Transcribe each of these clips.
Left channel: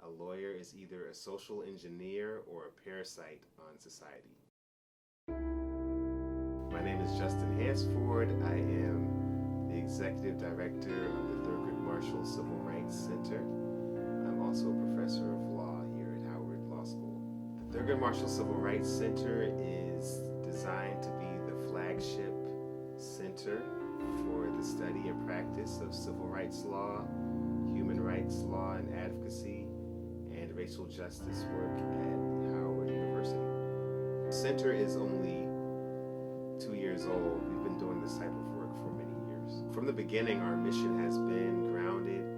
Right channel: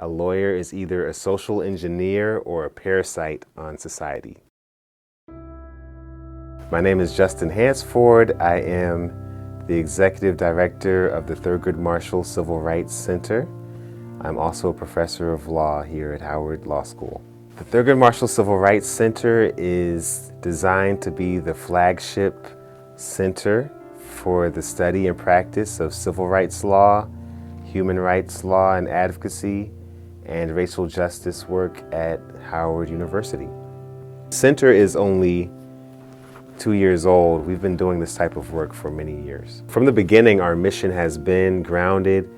A lawyer is either a social engineer or a parasite on society. My name is Justin Hansford. I am the Executive Director of the Thurgood Marshall Civil Rights Center. I'm also a professor of law here at Howard Law School. The Thurgood Marshall Civil Rights Center is designed to be the flagship center for the study and practice of civil rights law, human rights law and advocacy, and racial justice work at Howard University. The center is only 2 years old. We've been doing this type of work for many years. From the beginning, our mission has been grounded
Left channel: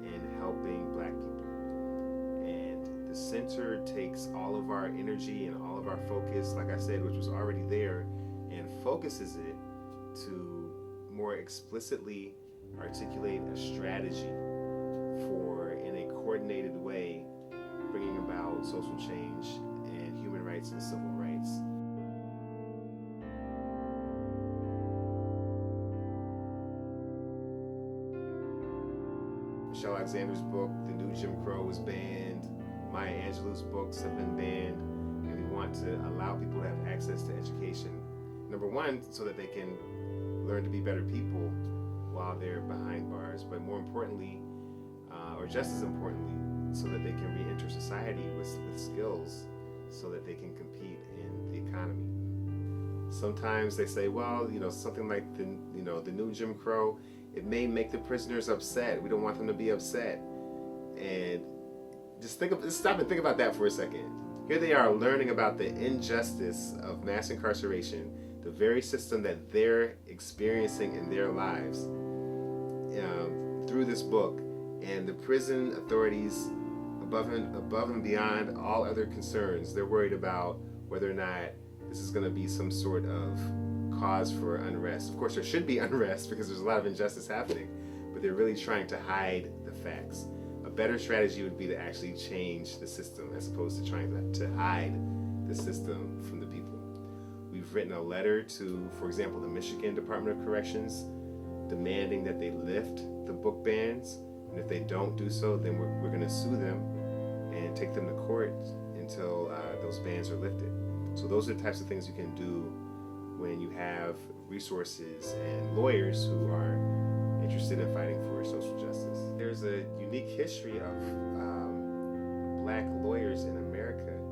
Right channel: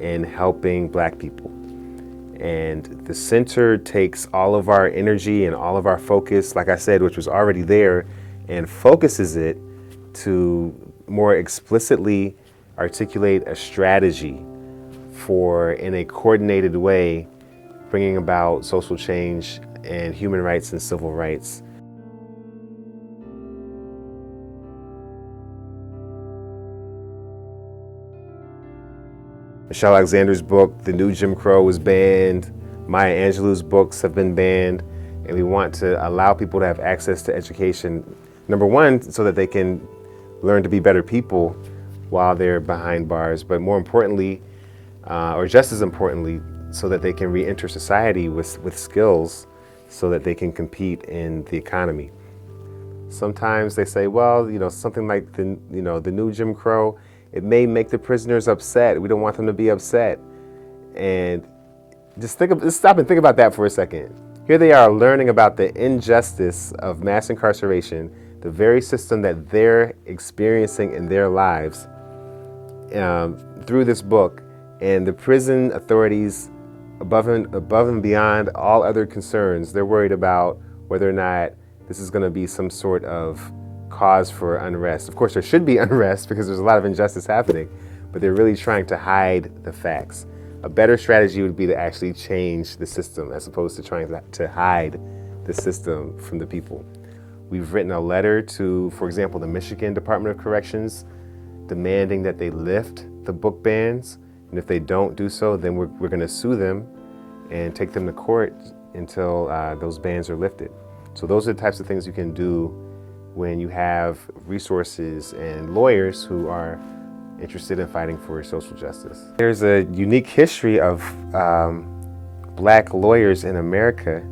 in helping Black people. And the center takes all of our energy and all of our focus, like I said, which was already there, and focuses it to more explicitly articulate a strategy for, in a coordinated way, bringing about social change and human rights and civil rights. Michelle Alexander's book, The New Jim Crow, was banned. Maya Angelou's books have been banned. And we want to allow people to have access to education, number one, so that they can learn to be better people while they're behind bars, but more importantly, or just as importantly, so that they can re-enter society with skills so that they can compete in the economy. Sometimes they say, well, something like the new Jim Crow, it may make the prisoners upset. We don't want them to be upset. And just stop and think about that for a second. Here they are learning about the injustice of mass incarceration, the very system that they're experiencing in their lives through this book, and the prison authorities, above and beyond all other concerns, they're worried about whether or not this is going to be some sort of cause for unrest. Of course, there should be unrest because there's a lot of injustice happening, but they're really trying to hide the facts. A better strategy would be to actually change the system as opposed to trying to hide the system from the people. We've written a letter to, for example, the Michigan Department of Corrections, demanding that they lift the book bans. And if they don't do so, then we're going to sue them and take them to court until those bans are lifted. So those are the types of things you can do when you have resources and lawyers who are interested in fighting for social justice. There's a unique history of Black lawyers in America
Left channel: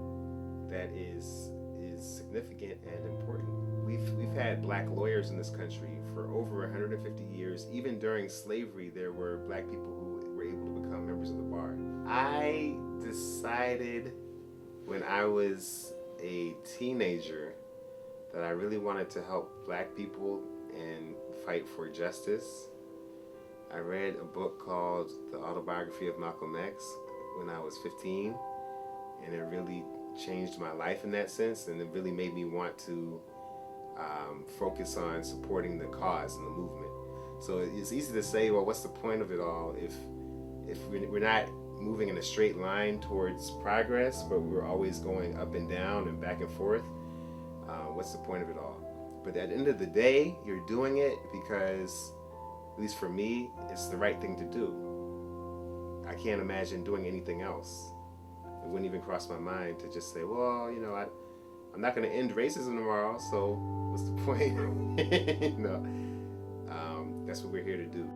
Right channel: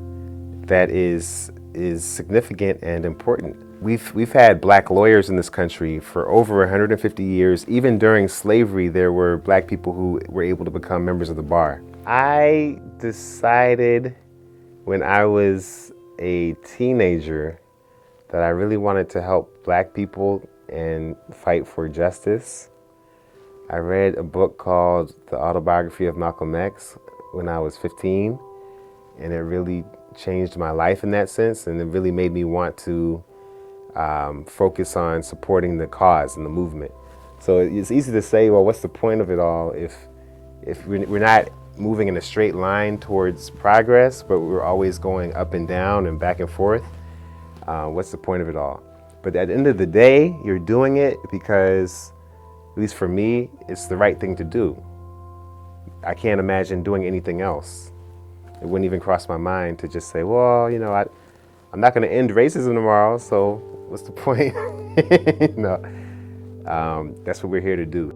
that is significant and important. We've had Black lawyers in this country for over 150 years. Even during slavery, there were Black people who were able to become members of the bar. I decided when I was a teenager that I really wanted to help Black people and fight for justice. I read a book called The Autobiography of Malcolm X when I was 15, and it really changed my life in that sense, and it really made me want to focus on supporting the cause and the movement. So it's easy to say, well, what's the point of it all if we're not moving in a straight line towards progress, but we're always going up and down and back and forth? What's the point of it all? But at the end of the day, you're doing it because, at least for me, it's the right thing to do. I can't imagine doing anything else. It wouldn't even cross my mind to just say, well, I'm not going to end racism tomorrow, so what's the point? No, that's what we're here to do.